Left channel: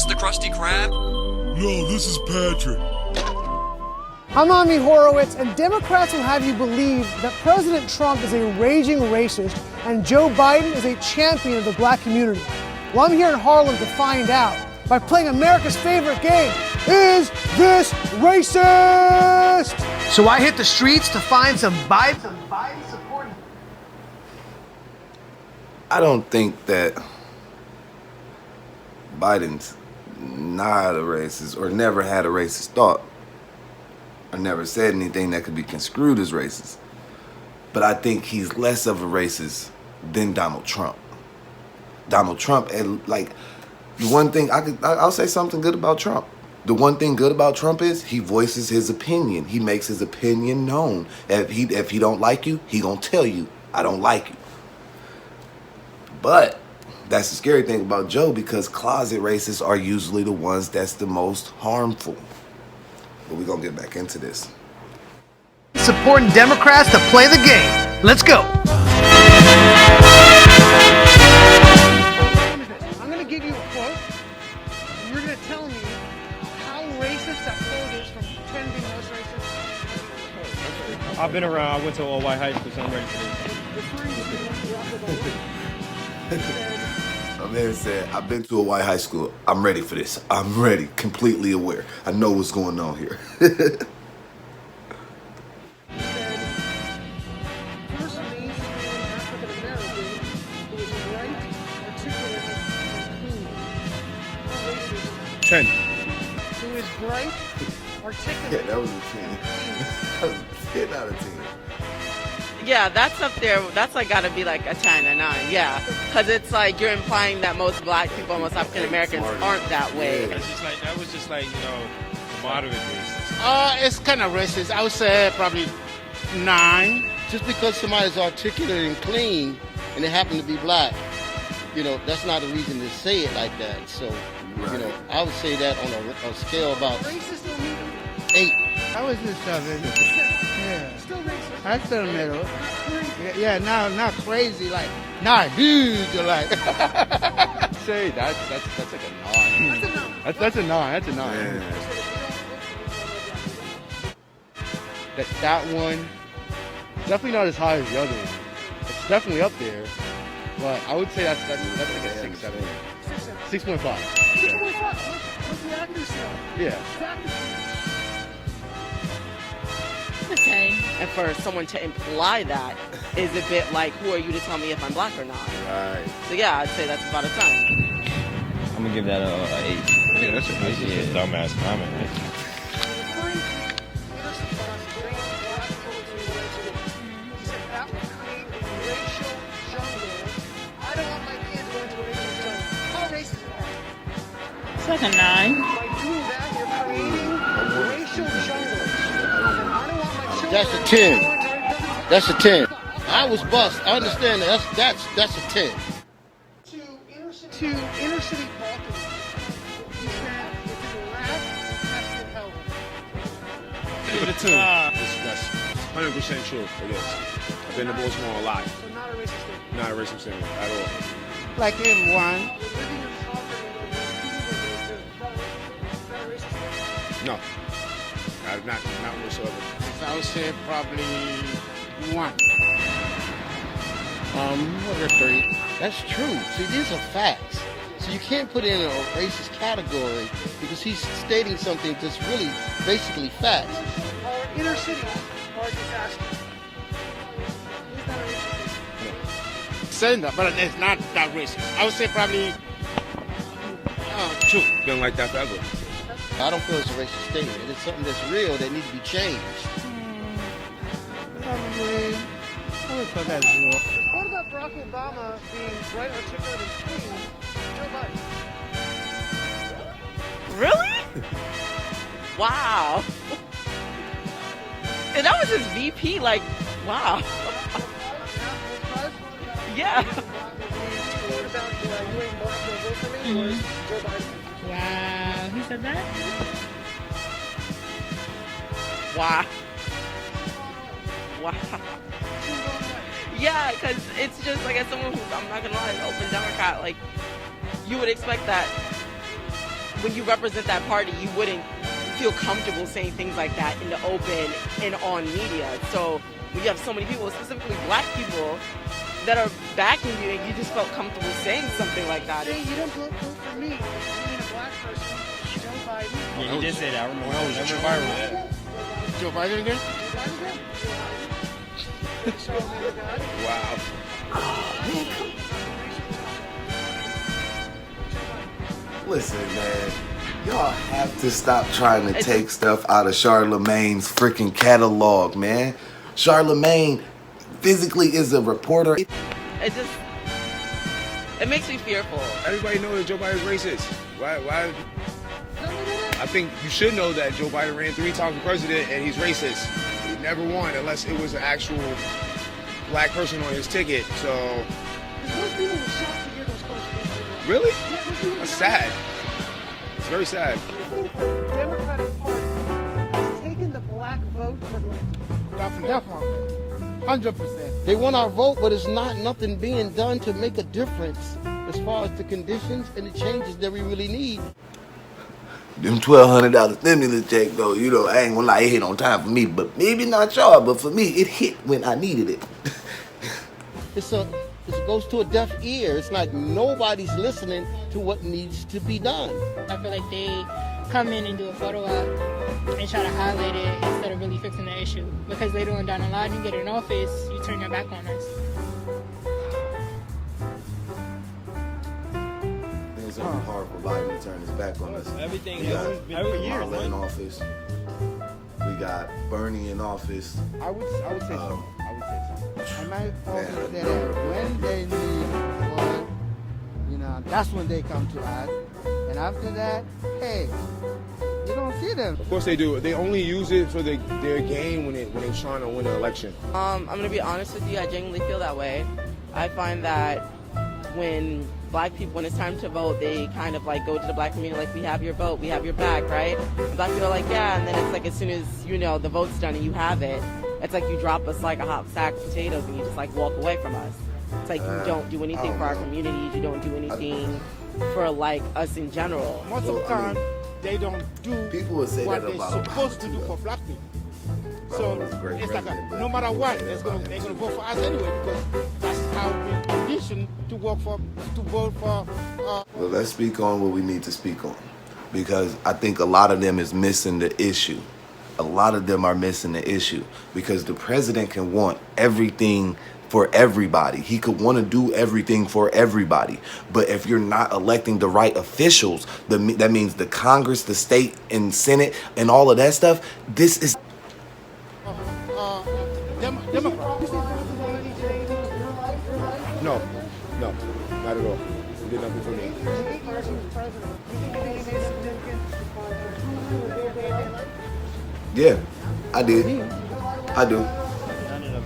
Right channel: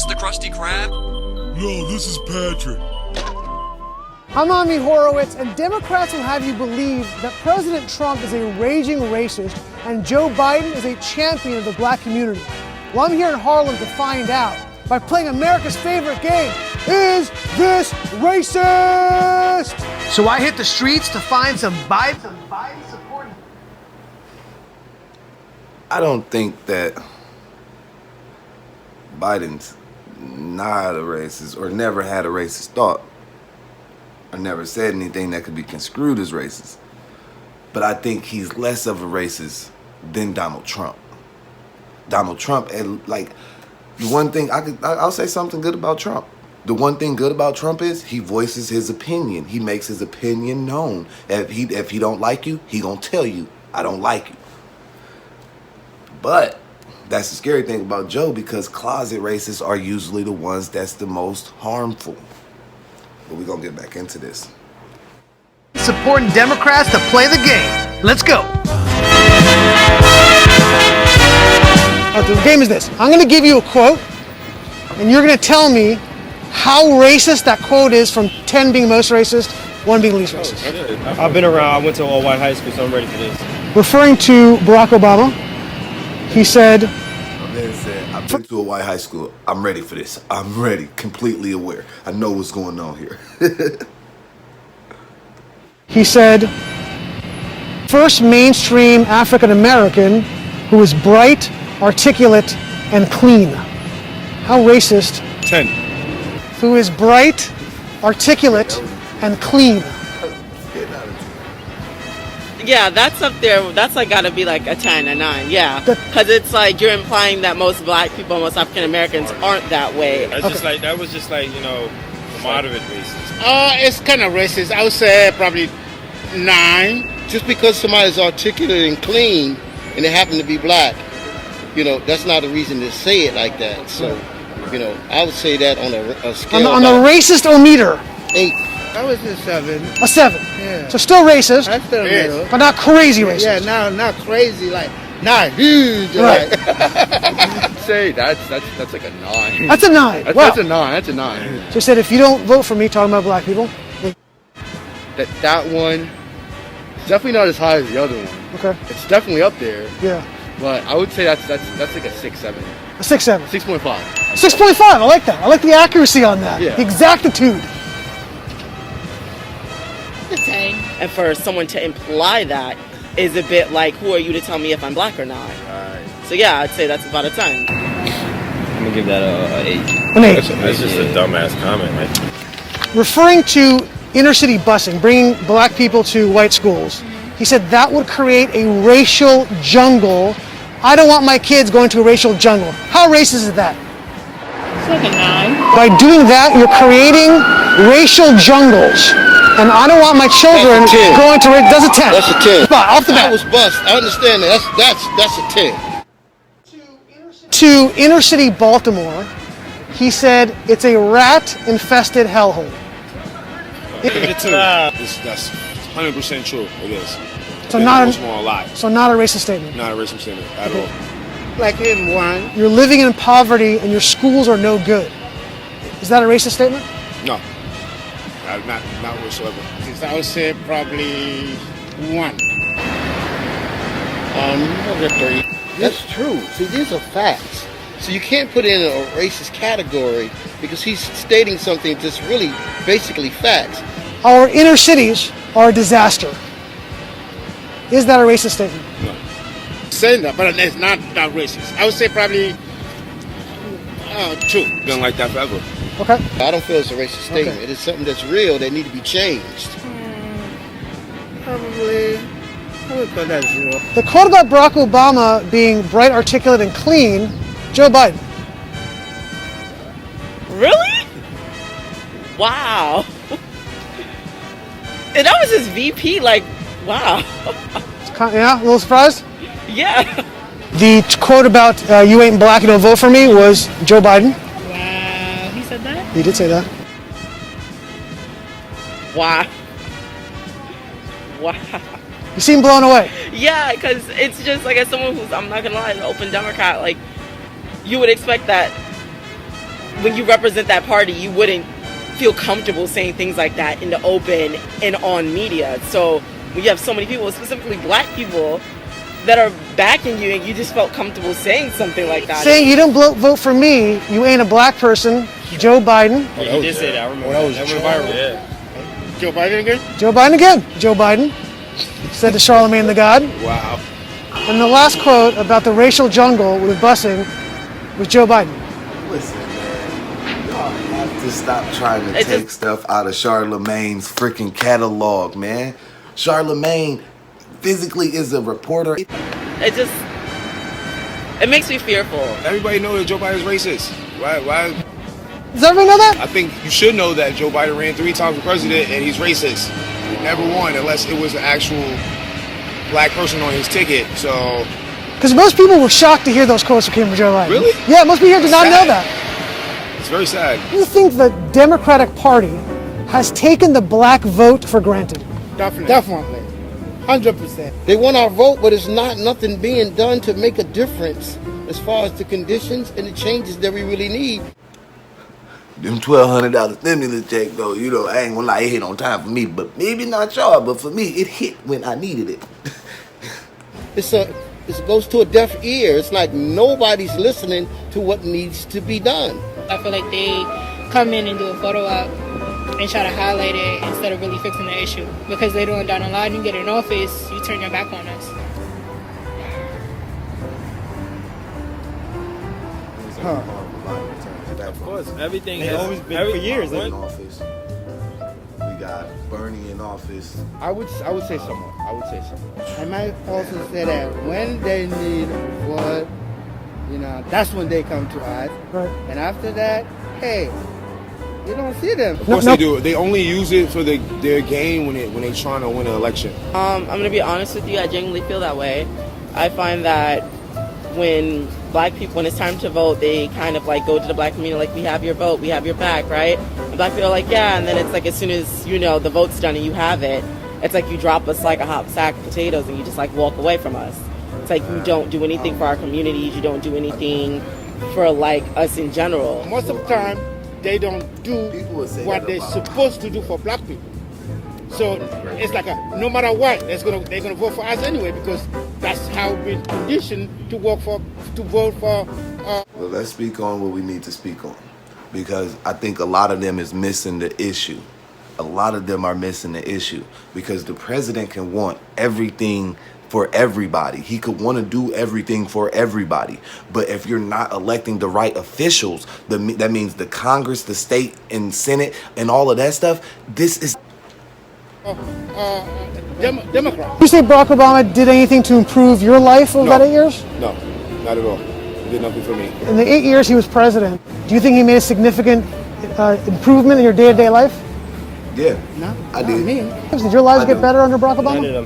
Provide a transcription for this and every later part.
this the Krusty Krab? No, this is Patrick. I'm Ami Horowitz, and Democrats will have you believe that President Trump is a raging racist and Joe Biden is a champion of the black community. Well, I'm here in Harlem to find out by playing America's favorite game, Is This Racist? So I hit the streets to find some Biden supporting. I don't think that Biden's not a racist or never had a racist thought or never said anything that could be construed as racist. But I think he's less of a racist than Donald Trump. Donald Trump, and like, the one thing I'll say something good about Trump. The one thing good about Trump is he voices his opinion. He makes his opinion known. If he don't like you, he gonna tell you, I don't like you. But that's the scary thing about Joe, because closet racists are usually the ones that's the most harmful. But we're gonna get back into this. Supporting Democrats to play the game. Let's go. Okay, the game is this. I'm gonna give you a quote, and you're gonna tell me how racist that quote is, from 10 being most racist, 1 being least racist. I've been around. I went to all-white high school, so I'm ready for this. Referring to Barack Obama, he said, My man said, I've been to a white high school. I'm ready for this. I'm ready, completely aware. I know what's going on here. he said, first mainstream African American who is bright, articulate, and clean. How racist? 10. Who is bright, articulate, and clean. 10 out of 10. Yeah, that's up there. That's like gotta be like a 10, a 9. Yeah, because it's like you're implying that most black people, most African Americans aren't that way. That's just like, that was just like, you know, moderate racist. It's kind of racist. I would say probably 9. Just because somebody's articulate and clean and they happen to be black, you know, that's not a reason to say it like that. So, you know, I would say that on a scale on the racist-o-meter. 8. I was a 7. A 7. Yeah. So still racist, That's still real. but not crazy racist. Yeah, not crazy, like, not huge. Right. Like. Say that's like a 9. That's a 9. Wow. That's a 9. That's a 9. So he said, if you don't vote for me, talking about black people. That one, definitely not as high as the other one. Okay. It's definitely up there. Yeah. But I would say that's like a 6, 7. A 6, 7. 6.5. 6.5. I like that. I like the accuracy on that. Yeah. The exactitude. And for someone to imply that is a bit like, who are you to tell me if I'm black or not? Right. So yeah, I'd say that's about a 10. I'm gonna give that a 8. An 8. That's just a dumbass comment, right? Referring to inner city busing, bringing black people to white schools, he said that would create a racial jungle. I don't want my kids going to a racial jungle. How racist is that? It's like a 9. By doing that, you're creating racial jungles. And I don't want my children going to race. That's a 10. That's a 10. Spot, off the bat. I was bust. I understand that. That's a 10. To inner city Baltimore, he said it's a rat-infested hellhole. That's 100% true. It is. So not a racist statement. Not a racist statement at all. Like in 1. You're living in poverty and your schools are no good. Is that a racist statement? No. Not whatsoever. I would say probably 1. Over 3. That's true. See, these are facts. So you can't put it in a racist category because he's stating something that's really basically facts. Our inner cities are a disaster. Is that a racist statement? Saying that, but it's not racist. I would say probably 2. Been like that forever. Okay. I don't feel it's a racist statement. It is something that's real that needs to be changed. Probably, I would put that as 0. The quote about Barack Obama being bright, articulate, and clean, Joe Biden. Really? Wow. And that was his VP, like, wow. Yeah, a little surprised? Yeah. The quote about you ain't black, you don't vote for me was Joe Biden. He said that? He did say that. Wow. Wow. You seem blown away. Yeah, because it's just like, as someone who's, I'm not gonna lie, an open Democrat, like, you would expect that when you represent that party, you wouldn't feel comfortable saying things like that in the open and on media. So when you have so many people, specifically black people, that are backing you, and you just felt comfortable saying something like that. Saying you don't vote for me, you ain't a black person, Joe Biden. Yeah, he did say that. I remember. That was viral. Yeah. Joe Biden again? Joe Biden again. Joe Biden said to Charlemagne the God. Wow. And the last quote about the racial jungle with busing was Joe Biden. Listen, man, y'all have to stop trying to take stuff out of Charlemagne's freaking catalog, man. Charlemagne physically is a reporter. It makes me fearful. Everybody knows that Joe Biden's racist. Why? Does everyone know that? I think you should know that Joe Biden ran 3 times for president and he's racist. He never won unless it was an actual black person on his ticket. So. Because most people were shocked to hear those quotes that came from Joe Biden. Really? Yeah, most people here did not know that. It's very sad. Do you think the Democratic Party has taken the black vote for granted? Definitely. 100%. They want our vote, but it's nothing being done to make a difference as far as the conditions and the changes that we really need. Them $1,200 stimulus check, though, you know, I ain't gonna lie, it hit on time for me, but maybe not y'all, but for me, it hit when I needed it. It goes to a deaf ear. It's like nobody's listening to what needs to be done. I feel like they come in and do a photo op and try to highlight it instead of really fixing the issue. Because later on down the line, you get in office, you turn your back on us. It's gonna be hard for Biden to turn his back on us. Everything has always been for years, in man. office. We got Bernie in office. I would say so. I would say so. I might also say that when they need what, that's when they come to us. Right. And after that, hey, you don't see them. Of course they do. They only use it for their game when they're trying to win an election. I'm going to be honest with you, I genuinely feel that way. I find that when black people, when it's time to vote, they kind of like go to the black community like, we have your vote, we have your back, right? And black people are like, yeah, and then it's like as soon as, the vote's done and you have it, it's like you drop us like a hot sack of potatoes and you just like walk away from us. It's like you don't do anything for our communities, you don't do anything for like us in general. Most of the time, they don't do what they're supposed to do for black people. So it's like no matter what, they're gonna vote for us anyway because that's how we're conditioned to vote for. Well, let's speak on what we need to speak on, because I think a lot of them is missing the issue. A lot of them are missing the issue because the president can want everything for everybody. He could want to do everything for everybody. But if you're not electing the right officials, that means the Congress, the state and Senate and all of that stuff, this is... Democrat. Do you think Barack Obama did anything to improve your life over that 8 years? No, not at all. He did nothing for me. In the 8 years he was president, do you think he made a significant improvement in your day-to-day life? Yeah, I did. Did your lives get better under Barack Obama?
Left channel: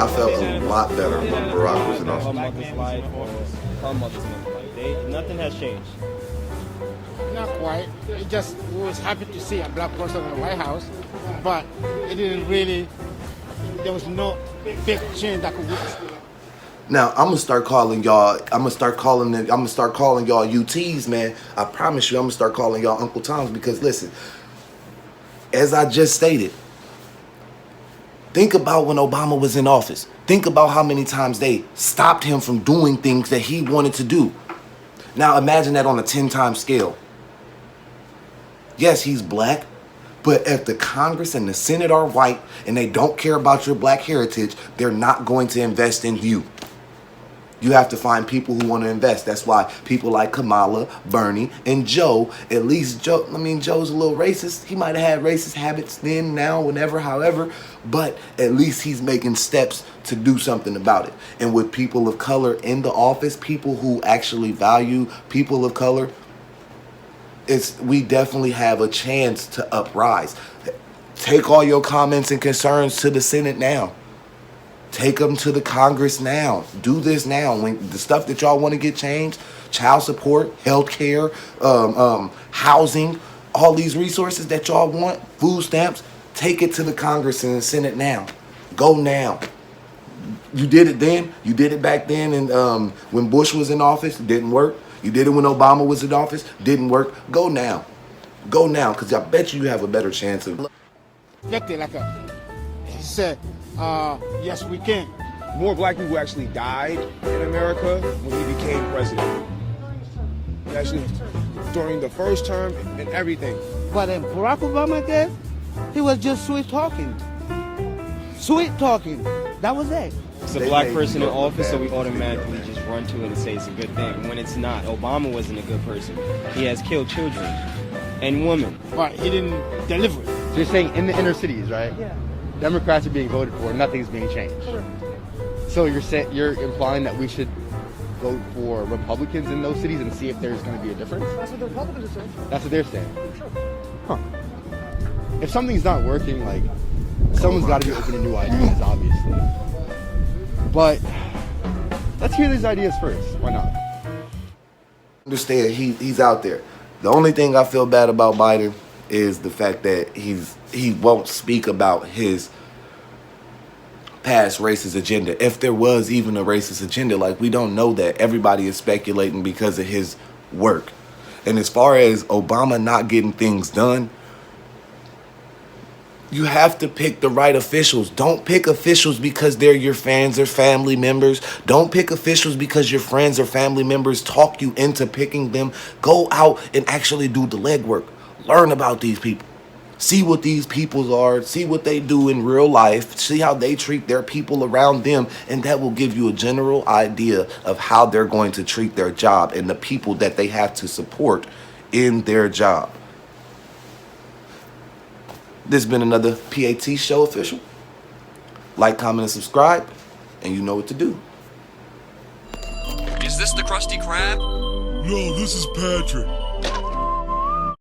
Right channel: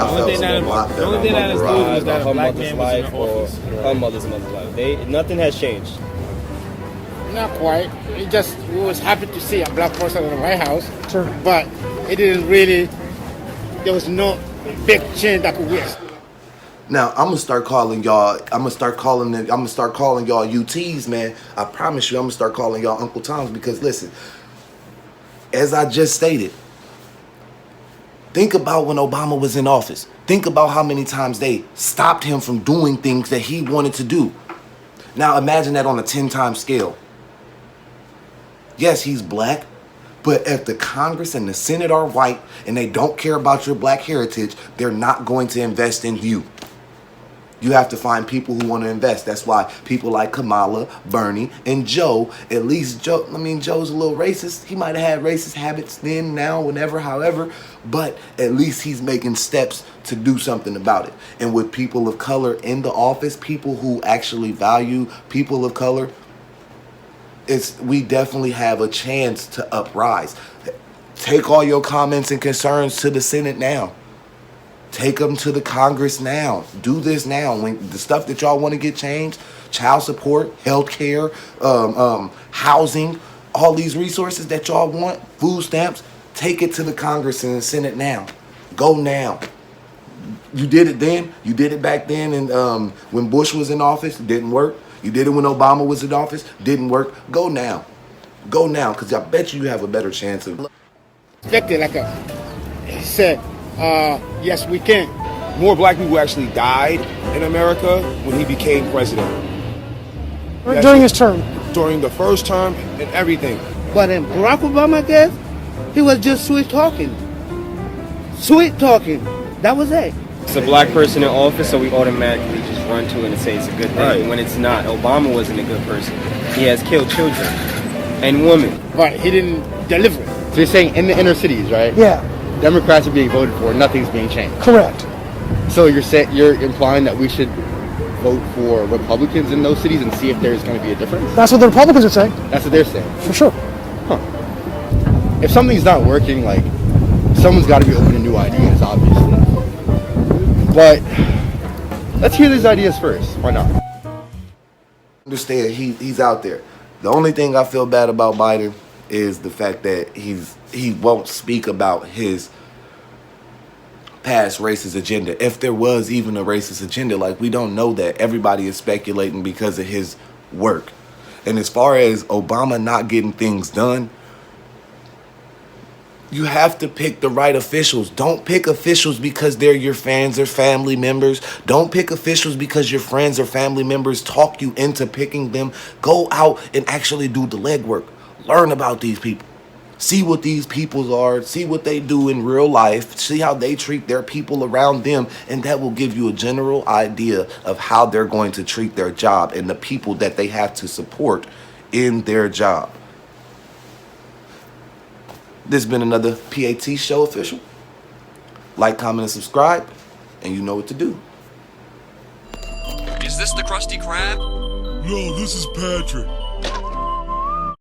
I felt a lot better under Barack Obama. Her mother's life or her mother's life. Nothing has changed. Not quite. We was happy to see a black person in the White House, Sure. but it didn't really. There was no big change that could witness. Now I'm gonna start calling y'all. I'm gonna start calling y'all UTs, man. I promise you, I'm gonna start calling y'all Uncle Toms because listen, as I just stated, think about when Obama was in office. Think about how many times they stopped him from doing things that he wanted to do. Now imagine that on a 10-time scale. Yes, he's black, but if the Congress and the Senate are white and they don't care about your black heritage, they're not going to invest in you. You have to find people who want to invest. That's why people like Kamala, Bernie, and Joe, at least Joe, Joe's a little racist. He might have had racist habits then, now, whenever, however, but at least he's making steps to do something about it. And with people of color in the office, people who actually value people of color, we definitely have a chance to uprise. Take all your comments and concerns to the Senate now. Take them to the Congress now. Do this now. When the stuff that y'all want to get changed, child support, health care, housing, all these resources that y'all want, food stamps, take it to the Congress and the Senate now. Go now. You did it then. You did it back then and when Bush was in office. It didn't work. You did it when Obama was in office, didn't work. Go now. Go now, because I bet you have a better chance of... He said, yes, we can. More black people actually died in America when he became president. During his term. During the first term and everything. But in Barack Obama, I guess, he was just sweet talking. Sweet talking. That was it. It's a black person in office, so we automatically just run to it and say it's a good thing. Right. When it's not. Obama wasn't a good person. He has killed children and women. But he didn't deliver it. So you're saying in the inner cities, right? Yeah, Democrats are being voted for, nothing's being changed. correct. So you're implying that we should vote for Republicans in those cities and see if there's going to be a difference? That's what the Republicans are saying, That's what they're saying. for sure. If something's not working, like, someone's got to be open to new ideas, obviously. But let's hear these ideas first. Why not? Understand, he's out there. The only thing I feel bad about Biden is the fact that he won't speak about his past racist agenda. If there was even a racist agenda, like, we don't know that. Everybody is speculating because of his work. And as far as Obama not getting things done, you have to pick the right officials. Don't pick officials because they're your fans or family members. Don't pick officials because your friends or family members talk you into picking them. Go out and actually do the legwork. Learn about these people. See what these people are. See what they do in real life. See how they treat their people around them. And that will give you a general idea of how they're going to treat their job and the people that they have to support in their job. This has been another PAT Show official. Like, comment, and subscribe, and you know what to do. Is this the Krusty Krab? No, this is Patrick.